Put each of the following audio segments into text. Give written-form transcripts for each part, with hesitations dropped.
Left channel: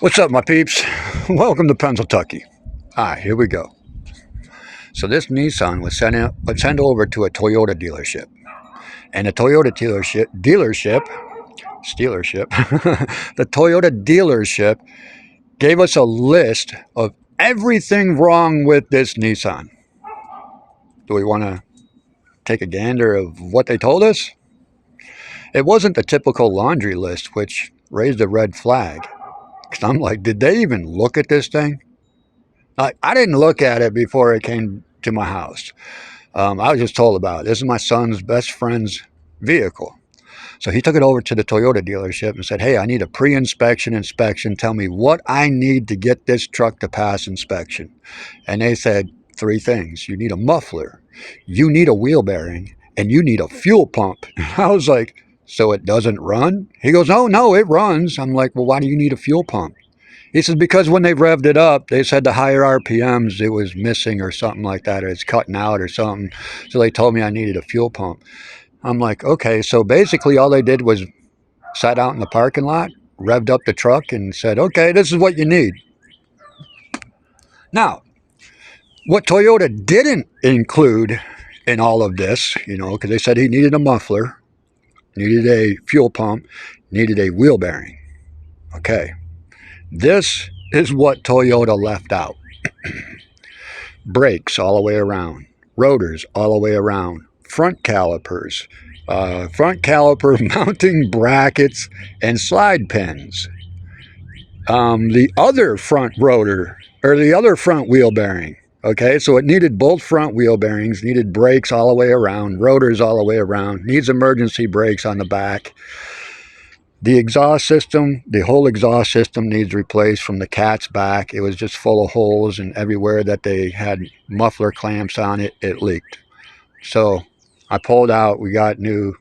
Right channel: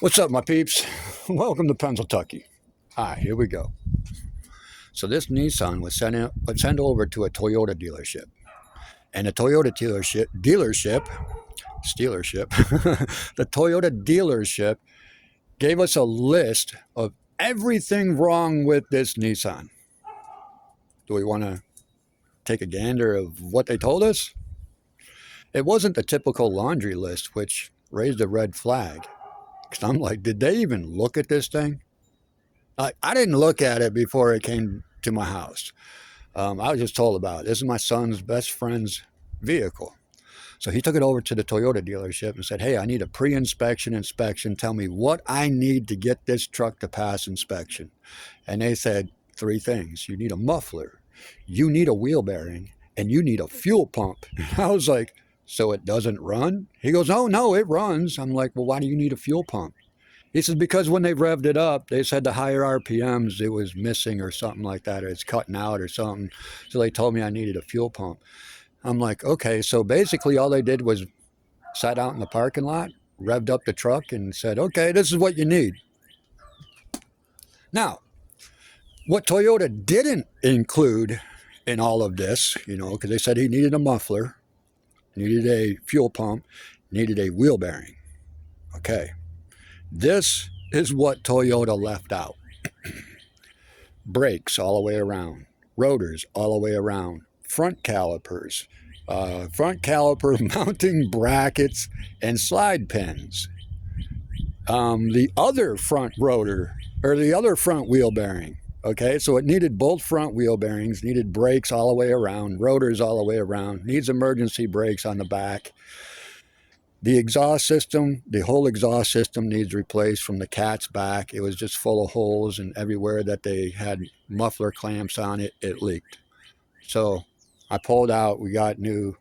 What's up, my peeps? Welcome to Pennsyltucky. Here we go. So this Nissan was sent over to a Toyota dealership, and the Toyota the Toyota dealership gave us a list of everything wrong with this Nissan. Do we want to take a gander of what they told us? It wasn't the typical laundry list, which raised a red flag. Because I'm like, did they even look at this thing? I didn't look at it before it came to my house. I was just told about it. This is my son's best friend's vehicle. So he took it over to the Toyota dealership and said, hey, I need a pre-inspection. Tell me what I need to get this truck to pass inspection. And they said three things. You need a muffler, you need a wheel bearing, and you need a fuel pump. And I was like, so it doesn't run? He goes, oh, no, it runs. I'm like, well, why do you need a fuel pump? He says, because when they revved it up, they said the higher RPMs, it was missing or something like that, or it's cutting out or something. So they told me I needed a fuel pump. I'm like, okay. So basically all they did was sat out in the parking lot, revved up the truck and said, okay, this is what you need. Now, what Toyota didn't include in all of this, because they said he needed a muffler, needed a fuel pump, needed a wheel bearing. Okay. This is what Toyota left out. Brakes all the way around, rotors all the way around, front calipers, front caliper mounting brackets, and slide pins. The other front rotor, or the other front wheel bearing, okay, so it needed both front wheel bearings, needed brakes all the way around, rotors all the way around, needs emergency brakes on the back. The exhaust system, the whole exhaust system needs replaced from the cat's back. It was just full of holes, and everywhere that they had muffler clamps on it, it leaked. So I pulled out, we got new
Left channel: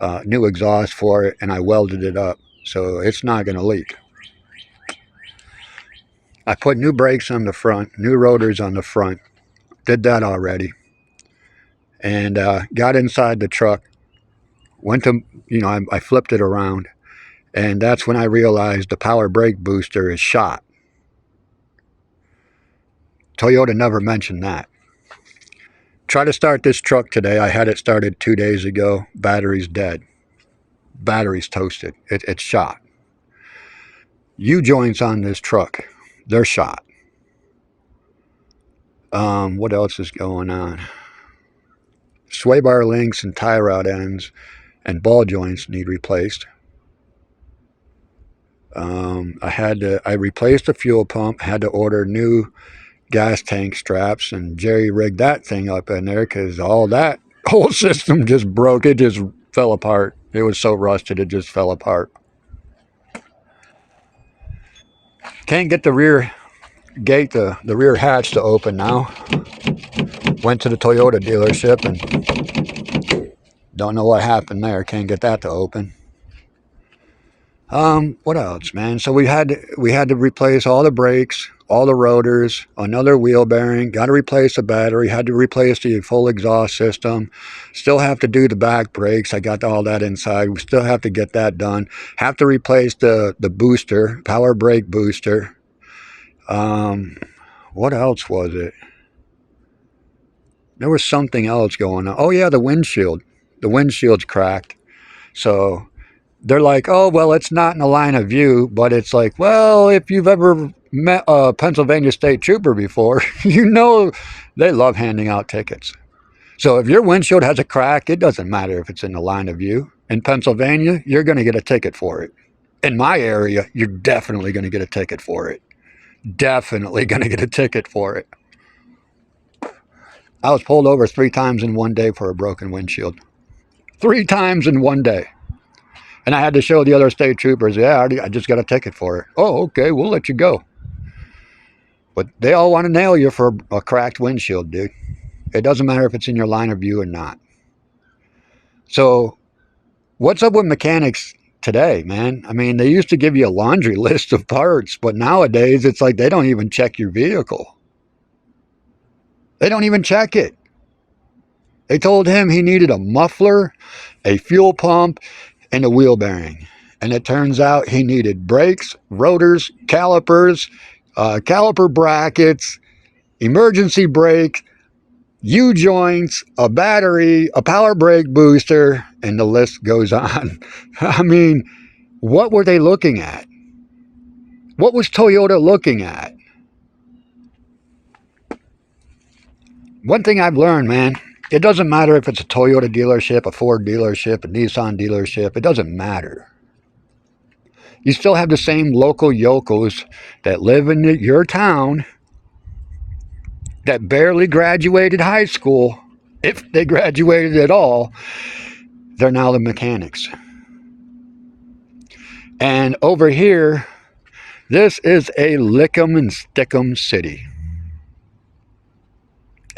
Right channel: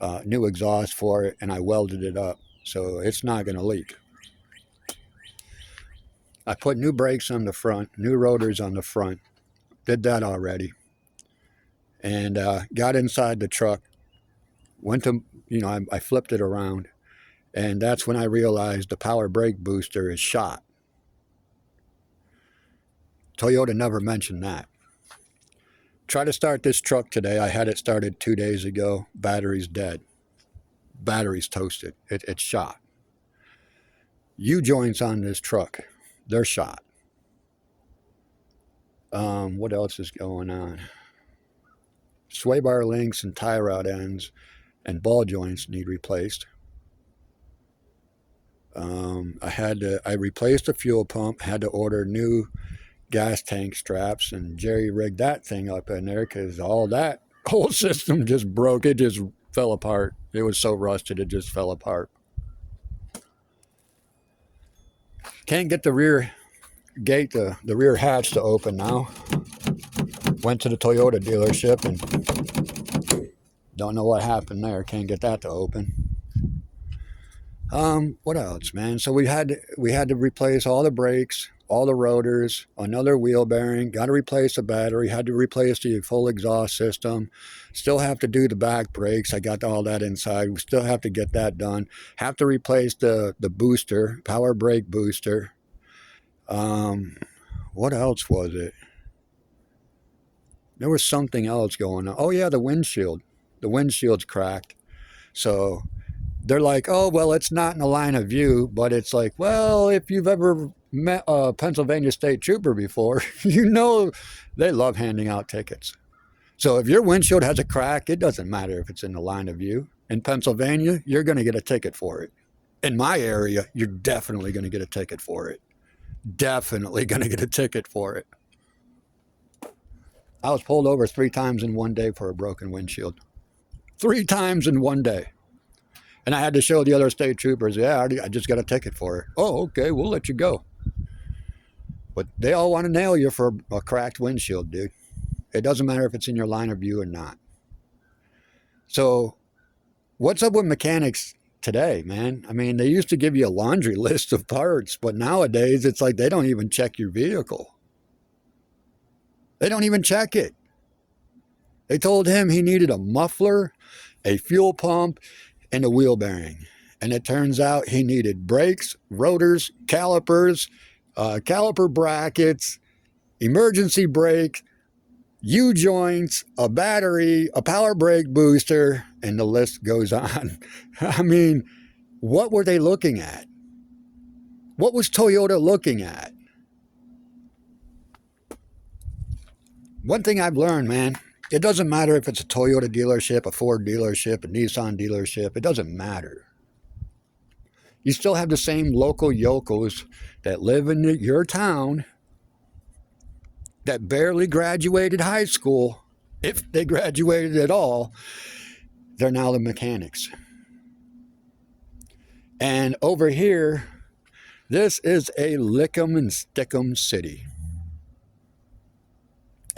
exhaust for it, and I welded it up. So it's not going to leak. I put new brakes on the front, new rotors on the front. Did that already. And got inside the truck. Went to, I flipped it around. And that's when I realized the power brake booster is shot. Toyota never mentioned that. Try to start this truck today. I had it started 2 days ago. Battery's dead. Battery's toasted. It's shot. U-joints on this truck, they're shot. What else is going on? Sway bar links and tie rod ends and ball joints need replaced. I replaced the fuel pump, had to order new gas tank straps and jerry rigged that thing up in there because all that whole system just broke. It just fell apart. It was so rusted, it just fell apart. Can't get the rear gate, the rear hatch to open now. Went to the Toyota dealership and don't know what happened there. Can't get that to open. What else, man? So we had to replace all the brakes, all the rotors, another wheel bearing, got to replace the battery, had to replace the full exhaust system, still have to do the back brakes. I got all that inside. We still have to get that done. Have to replace the booster, power brake booster. What else was it? There was something else going on. Oh yeah, the windshield. The windshield's cracked. So they're like, oh, well, it's not in the line of view, but it's like, well, if you've ever met a Pennsylvania state trooper before, you know they love handing out tickets. So if your windshield has a crack, it doesn't matter if it's in the line of view. In Pennsylvania, you're going to get a ticket for it. In my area, you're definitely going to get a ticket for it. Definitely going to get a ticket for it. I was pulled over 3 times in one day for a broken windshield. 3 times in one day. And I had to show the other state troopers, yeah, I just got a ticket for it. Oh, okay, we'll let you go. But they all want to nail you for a cracked windshield, dude. It doesn't matter if it's in your line of view or not. So what's up with mechanics today, man? I mean, they used to give you a laundry list of parts, but nowadays it's like they don't even check your vehicle. They don't even check it. They told him he needed a muffler, a fuel pump, and a wheel bearing. And it turns out he needed brakes, rotors, calipers, caliper brackets, emergency brake, U-joints, a battery, a power brake booster, and the list goes on. I mean, what were they looking at? What was Toyota looking at? One thing I've learned, man, it doesn't matter if it's a Toyota dealership, a Ford dealership, a Nissan dealership. It doesn't matter. You still have the same local yokels that live in your town that barely graduated high school. If they graduated at all, they're now the mechanics. And over here, this is a lick 'em and stick 'em city.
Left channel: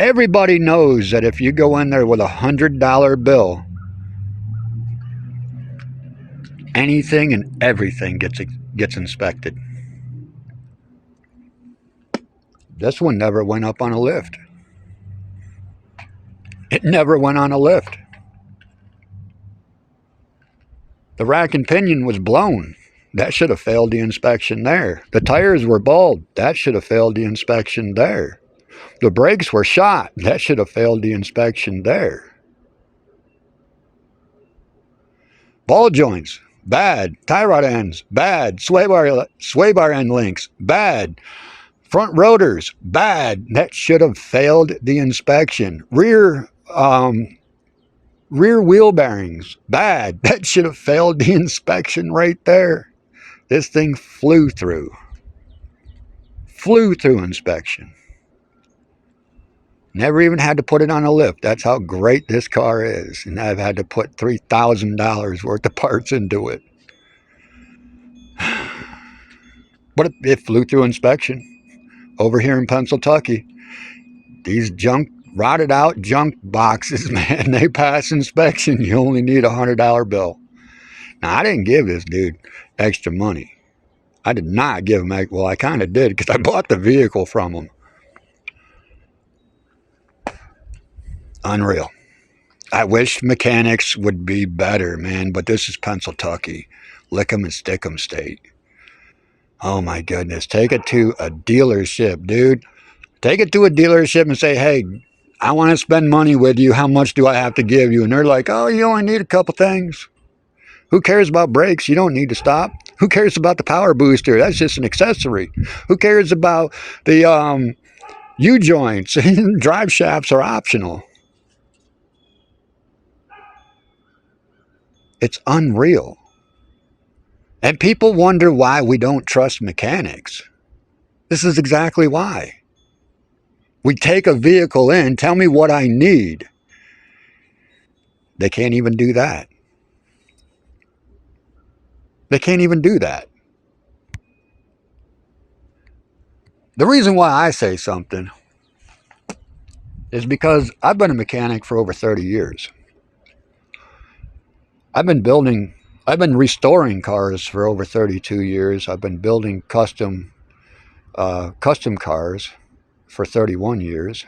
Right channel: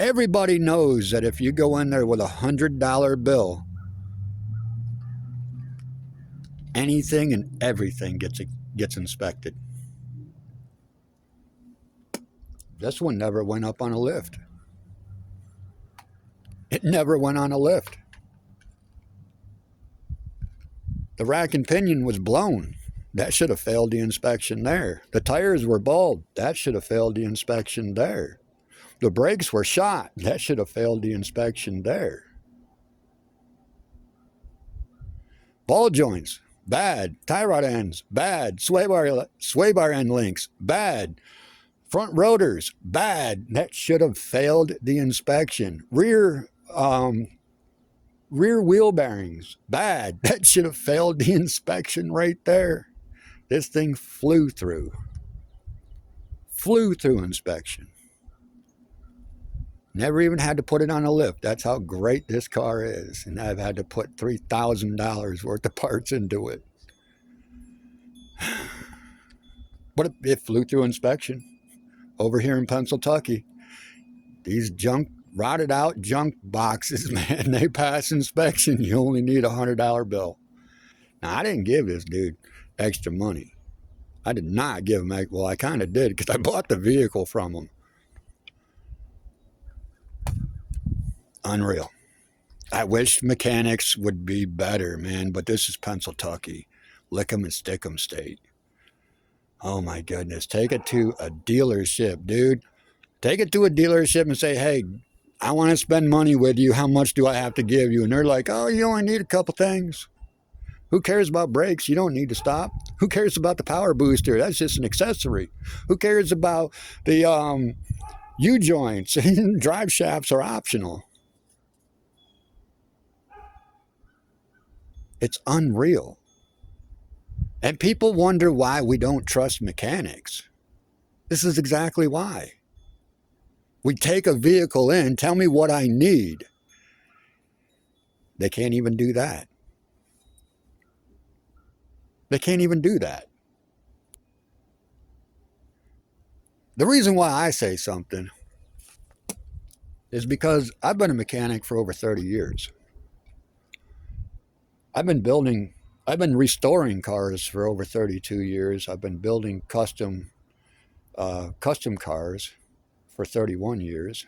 Everybody knows that if you go in there with $100 bill, anything and everything gets inspected. This one never went up on a lift. It never went on a lift. The rack and pinion was blown. That should have failed the inspection there. The tires were bald. That should have failed the inspection there. The brakes were shot. That should have failed the inspection there. Ball joints, bad. Tie rod ends, bad. Sway bar end links, bad. Front rotors, bad. That should have failed the inspection. Rear wheel bearings, bad. That should have failed the inspection right there. This thing flew through inspection. Never even had to put it on a lift. That's how great this car is. And I've had to put $3,000 worth of parts into it. But it flew through inspection. Over here in Pennsyltucky, these rotted out junk boxes, man, they pass inspection. You only need a $100 bill. Now, I didn't give this dude extra money. I did not give him, well, I kind of did because I bought the vehicle from him. Unreal. I wish mechanics would be better, man, but this is Pennsyltucky. Lick 'em and stick 'em state. Oh my goodness. Take it to a dealership, dude. Take it to a dealership and say, hey, I want to spend money with you. How much do I have to give you? And they're like, oh, you only need a couple things. Who cares about brakes? You don't need to stop. Who cares about the power booster? That's just an accessory. Who cares about the U-joints? Drive shafts are optional. It's unreal. And people wonder why we don't trust mechanics. This is exactly why. We take a vehicle in, tell me what I need. They can't even do that. They can't even do that. The reason why I say something is because I've been a mechanic for over 30 years. I've been restoring cars for over 32 years. I've been building custom cars for 31 years.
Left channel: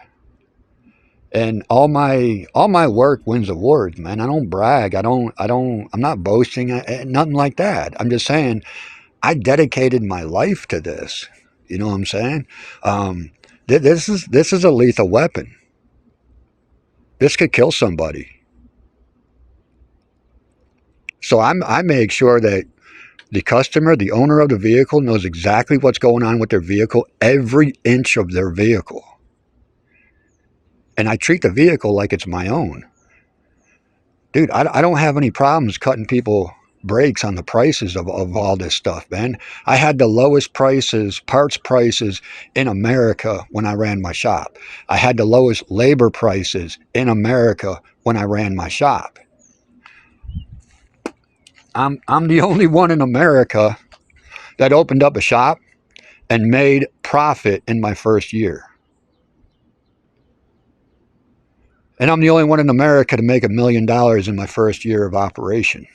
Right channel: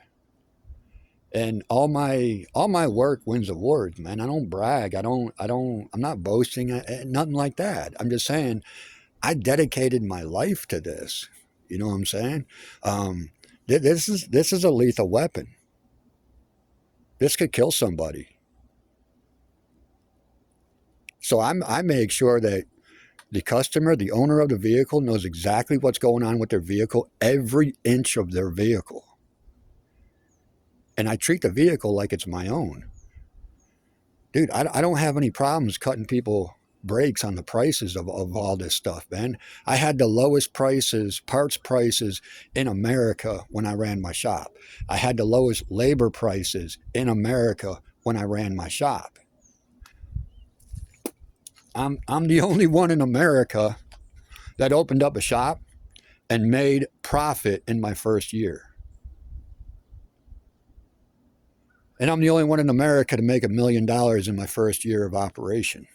And all my work wins awards, man. I don't brag. I'm not boasting, nothing like that. I'm just saying I dedicated my life to this. You know what I'm saying? This is a lethal weapon. This could kill somebody. So I make sure that the customer, the owner of the vehicle, knows exactly what's going on with their vehicle, every inch of their vehicle. And I treat the vehicle like it's my own. Dude, I don't have any problems cutting people breaks on the prices of all this stuff, man. I had the lowest prices, parts prices in America when I ran my shop. I had the lowest labor prices in America when I ran my shop. I'm the only one in America that opened up a shop and made profit in my first year. And I'm the only one in America to make $1 million in my first year of operation.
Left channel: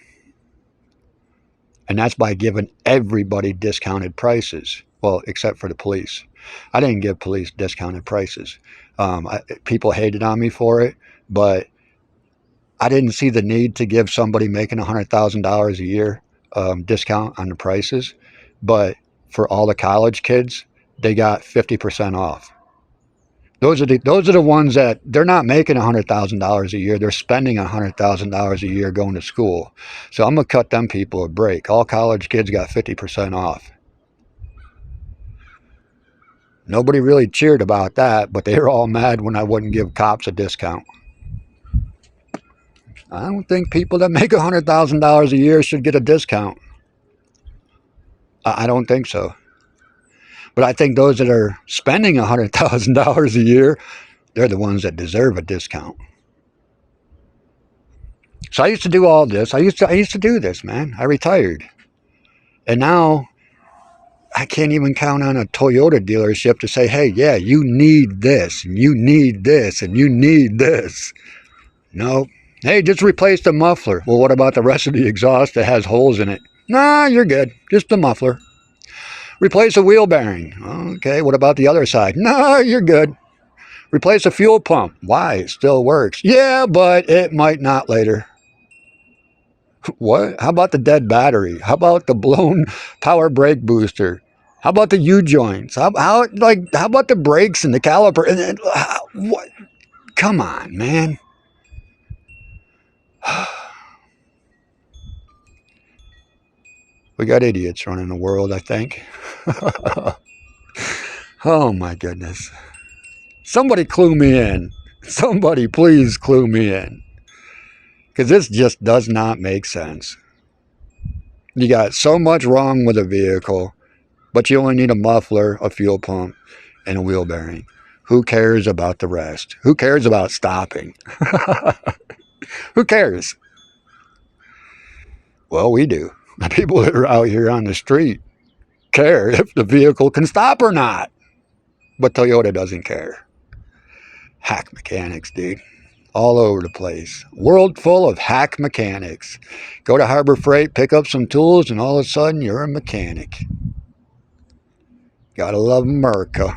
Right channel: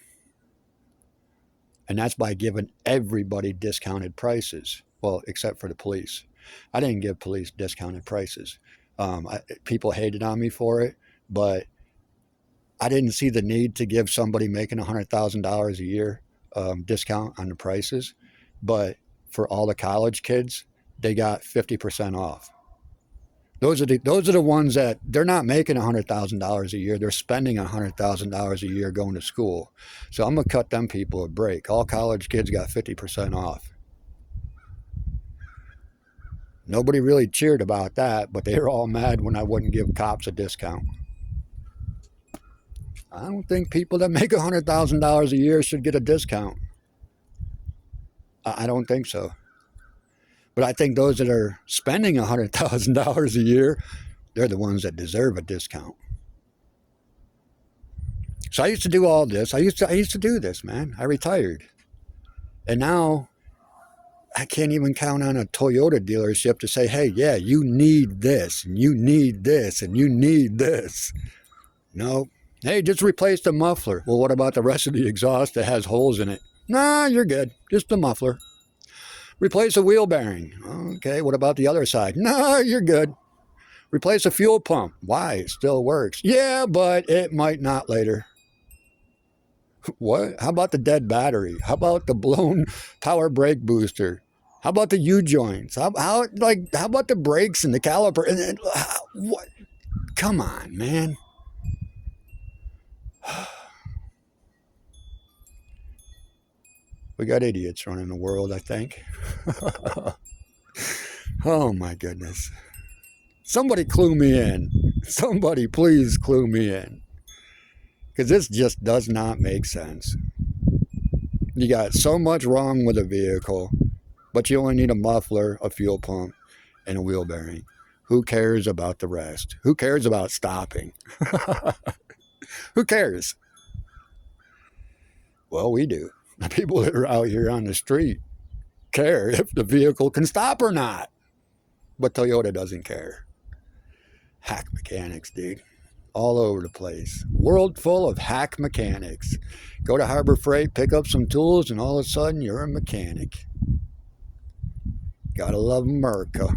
And that's by giving everybody discounted prices. Well, except for the police. I didn't give police discounted prices. People hated on me for it, but I didn't see the need to give somebody making $100,000 a year discount on the prices, but for all the college kids, they got 50% off. Those are the ones that they're not making $100,000 a year. They're spending $100,000 a year going to school. So I'm gonna cut them people a break. All college kids got 50% off. Nobody really cheered about that, but they were all mad when I wouldn't give cops a discount. I don't think people that make $100,000 a year should get a discount. I don't think so. But I think those that are spending $100,000 a year, they're the ones that deserve a discount. So I used to do all this. I used to do this, man. I retired. And now I can't even count on a Toyota dealership to say, hey, yeah, you need this, and you need this, and you need this. No. Hey, just replace the muffler. Well, what about the rest of the exhaust that has holes in it? Nah, you're good. Just the muffler. Replace a wheel bearing. Okay, what about the other side? Nah, you're good. Replace a fuel pump. Why? It still works. Yeah, but it might not later. What? How about the dead battery? How about the blown power brake booster? How about the U-joints? How about the brakes and the caliper? What? Come on, man. We got idiots running the world, I think. Oh, my goodness. Somebody clue me in. Somebody please clue me in. Because this just does not make sense. You got so much wrong with a vehicle, but you only need a muffler, a fuel pump, and a wheel bearing. Who cares about the rest? Who cares about stopping? Who cares? Well, we do. The people that are out here on the street care if the vehicle can stop or not. But Toyota doesn't care. Hack mechanics, dude. All over the place. World full of hack mechanics. Go to Harbor Freight, pick up some tools, and all of a sudden you're a mechanic. Gotta love America.